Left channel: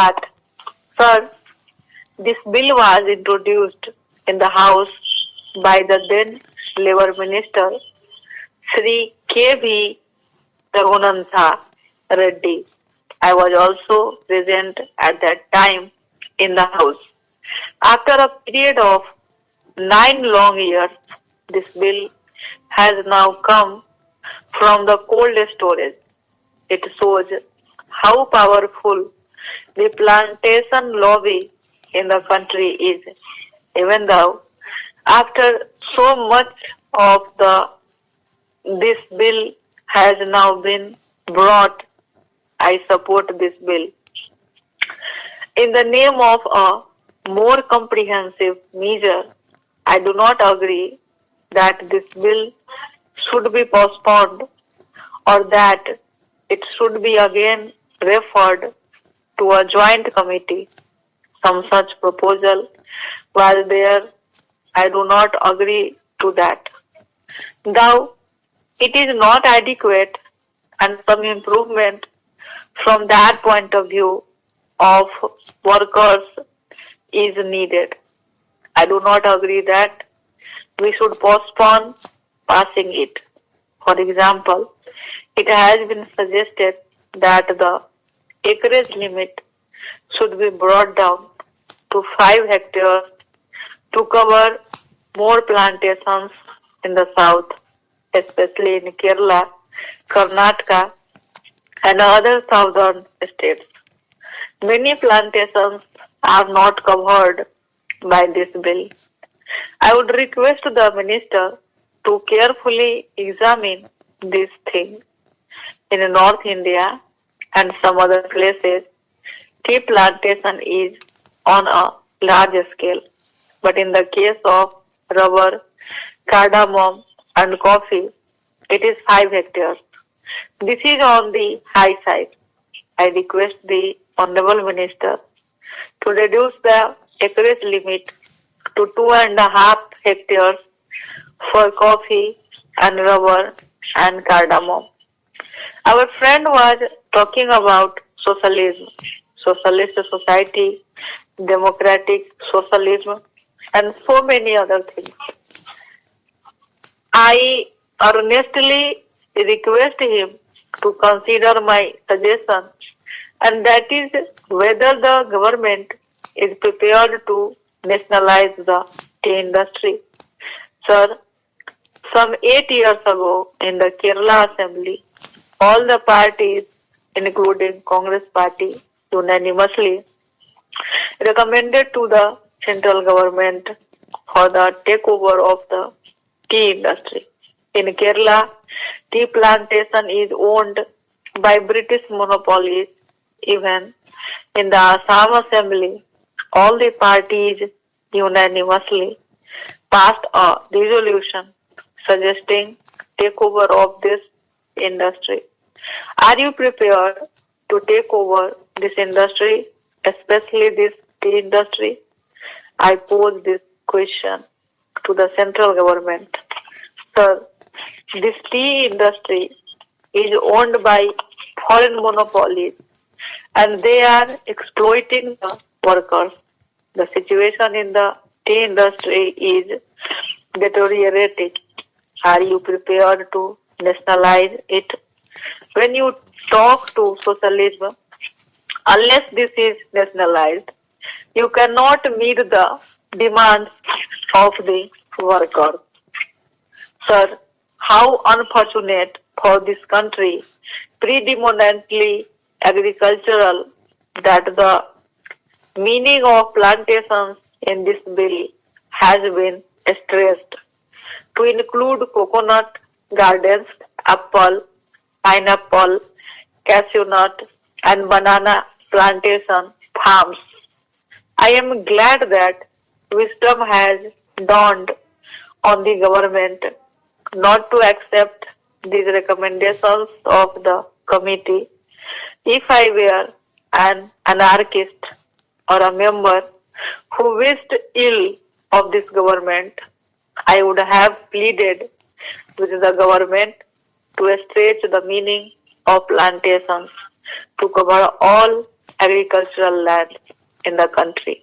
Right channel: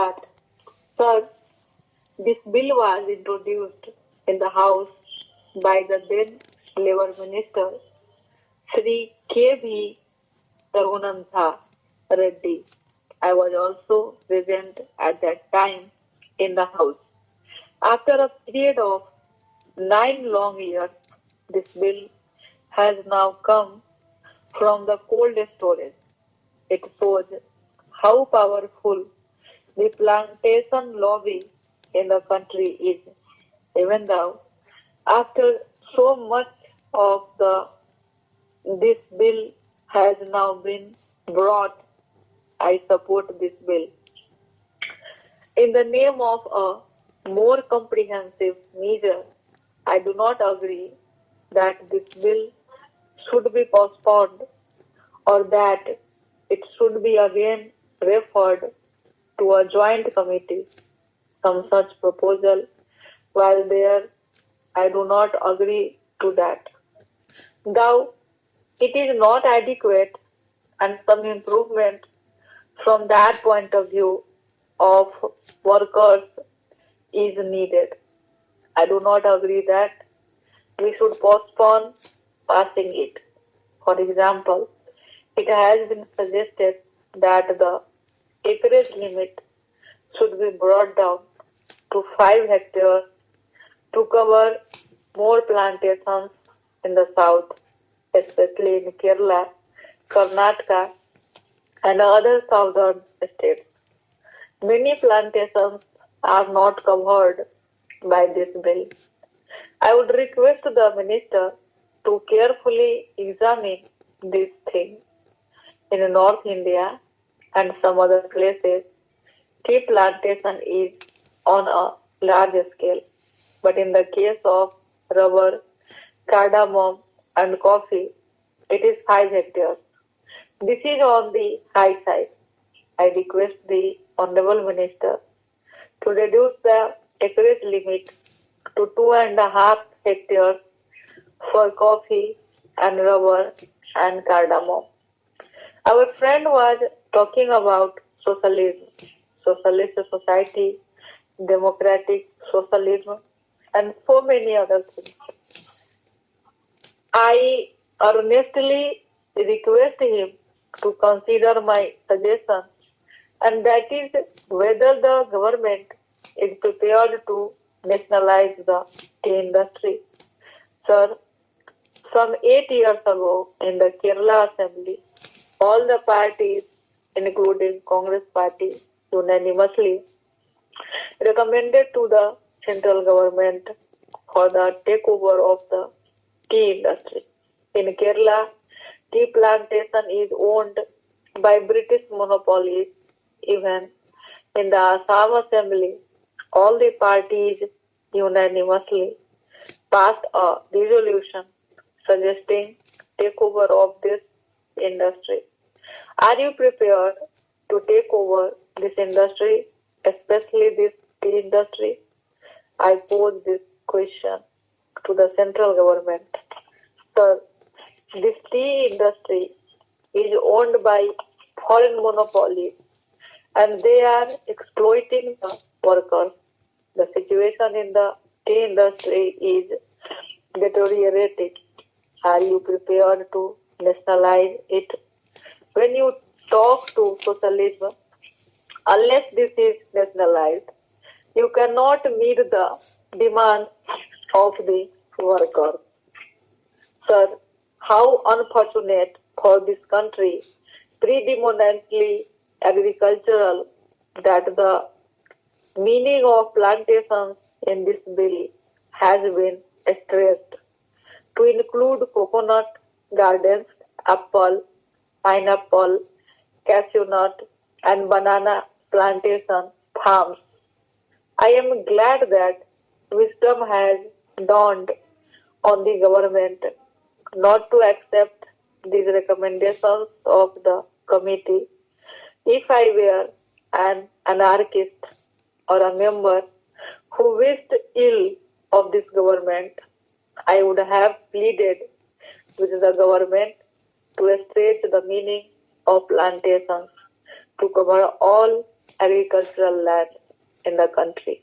that, sir, this bill was introduced in the House by the then Labour Minister Sri K.V. Raghunatha Reddy. I was also present at that time in the House. After a period of 9 long years, this bill has now come from the cold storage. It shows how powerful the plantation lobby in the country is. Even though after so much of this bill has now been brought, I support this bill. In the name of a more comprehensive measure, I do not agree that this bill should be postponed or that it should be again referred to a joint committee. Some such proposal was there. I do not agree to that. Though it is not adequate and some improvement from that point of view of workers is needed. I do not agree that we should postpone passing it. For example, it has been suggested that the acreage limit should be brought down to 5 hectares to cover more plantations in the south, especially in Kerala, Karnataka, and other southern states. Many plantations are not covered by this bill. I would request the minister to carefully examine this thing. In North India and some other places, tea plantation is on a large scale. But in the case of rubber, cardamom, and coffee, it is 5 hectares. This is on the high side. I request the Honorable Minister to reduce the acreage limit to 2.5 hectares for coffee and rubber and cardamom. Our friend was talking about socialism, socialist society, democratic socialism, and so many other things. I earnestly request him to consider my suggestion, and that is whether the government is prepared to nationalize the tea industry. Sir, some 8 years ago in the Kerala Assembly, all the parties, including Congress Party, unanimously recommended to the central government for the takeover of the tea industry. In Kerala, tea plantation is owned by British monopolies. Even in the Assam Assembly, all the parties unanimously passed a resolution suggesting takeover of this industry. Are you prepared to take over this industry, especially this tea industry? I pose this question to the central government. Sir, this tea industry is owned by foreign monopolies and they are exploiting the workers. The situation in the tea industry is deteriorating. Are you prepared to nationalize it? When you talk to socialism, unless this is nationalized, you cannot meet the demands of the workers. Sir, how unfortunate for this country, predominantly agricultural, that the meaning of plantations in this bill has been stressed to include coconut gardens, apple, pineapple, cashew nut, and banana plantation farms. I am glad that wisdom has dawned on the government not to accept these recommendations of the committee. If I were an anarchist or a member who wished ill of this government, I would have pleaded with the government to stretch the meaning of plantations to cover all agricultural land in the country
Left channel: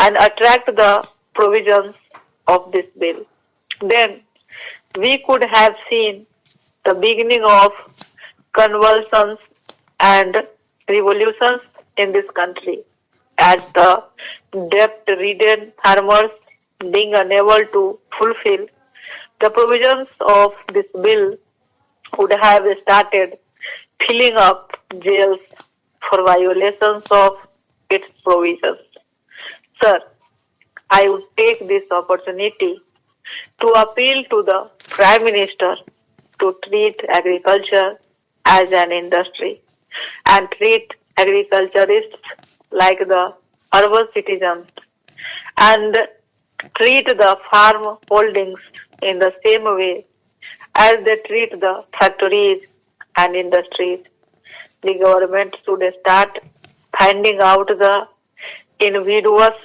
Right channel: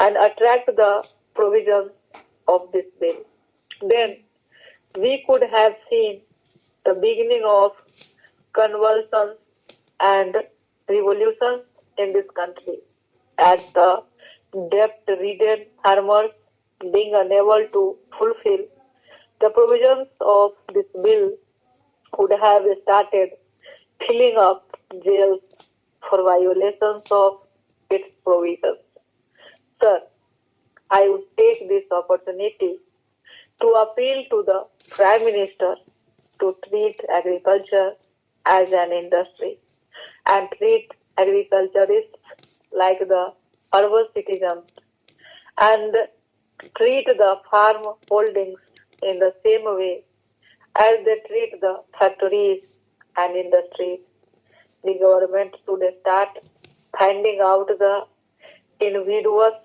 and attract the provisions of this bill. Then we could have seen the beginning of convulsions and revolutions in this country as the debt-ridden farmers being unable to fulfill the provisions of this bill would have started filling up jails for violations of its provisions. Sir, I would take this opportunity to appeal to the Prime Minister to treat agriculture as an industry and treat agriculturists like the urban citizens and treat the farm holdings in the same way as they treat the factories and industries. The government should start finding out the invidious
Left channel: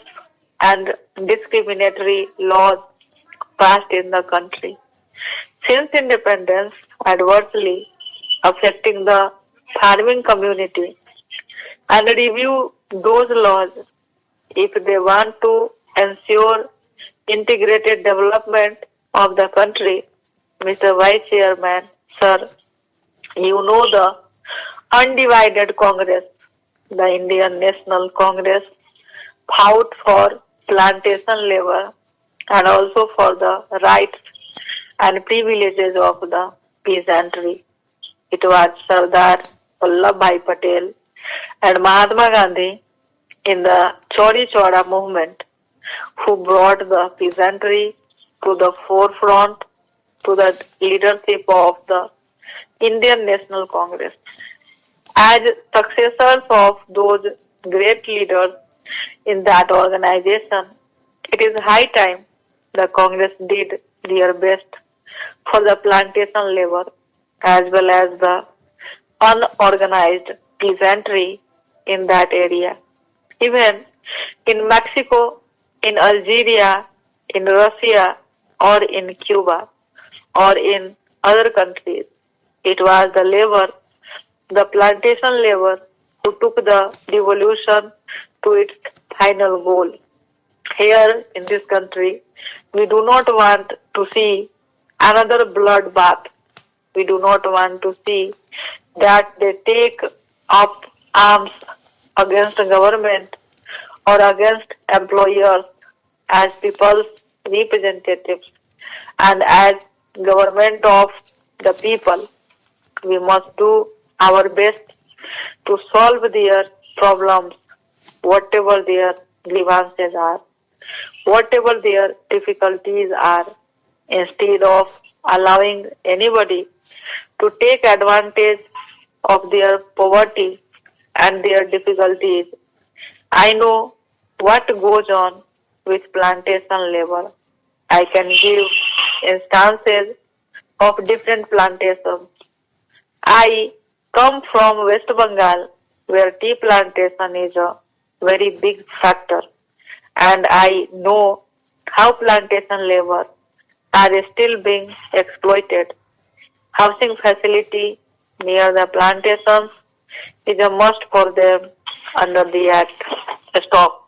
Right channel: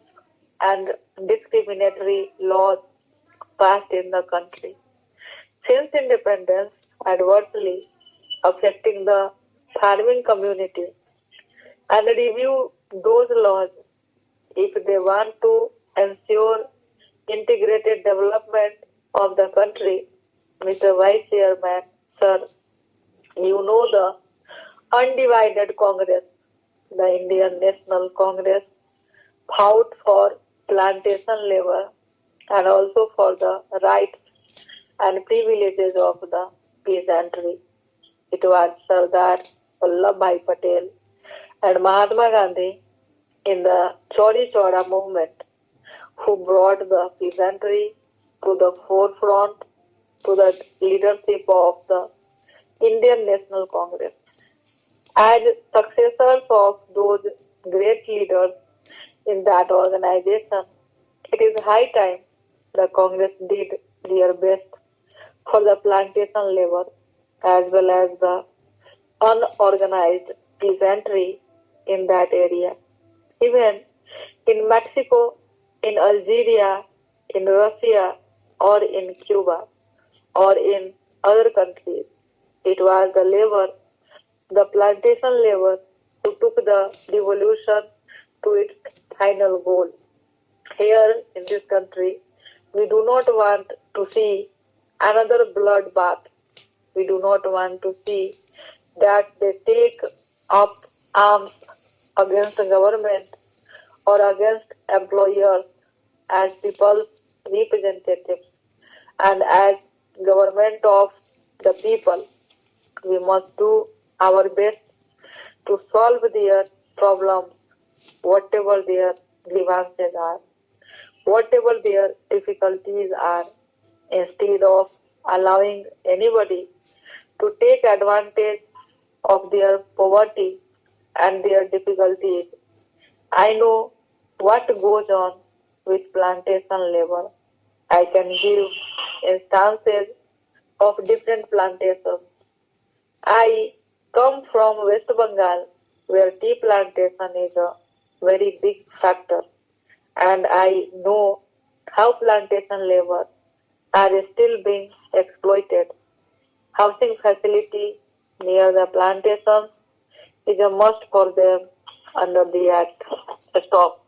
and discriminatory laws passed in the country since independence adversely affecting the farming community and review those laws if they want to ensure integrated development of the country. Mr. Vice Chairman, sir, you know the undivided Congress, the Indian National Congress, fought for plantation labor and also for the rights and privileges of the peasantry. It was Sardar Vallabhbhai Patel and Mahatma Gandhi in the Chauri Chaura movement who brought the peasantry to the forefront to the leadership of the Indian National Congress. As successors of those great leaders in that organization, it is high time the Congress did their best for the plantation labor as well as the unorganized peasantry in that area. Even in Mexico, in Algeria, in Russia, or in Cuba, or in other countries, it was the labor, the plantation labor, who took the revolution to its final goal. Here in this country, we do not want to see another bloodbath. We do not want to see that they take up arms against the government or against employers as people's representatives and as government of the people. We must do our best to solve their problems, whatever their grievances are, whatever their difficulties are, instead of allowing anybody to take advantage of their poverty and their difficulties. I know what goes on with plantation labor. I can give instances of different plantations. I come from West Bengal, where tea plantation is a very big factor, and I know how plantation labor are still being exploited. Housing facility near the plantations is a must for them under the Act. Stop.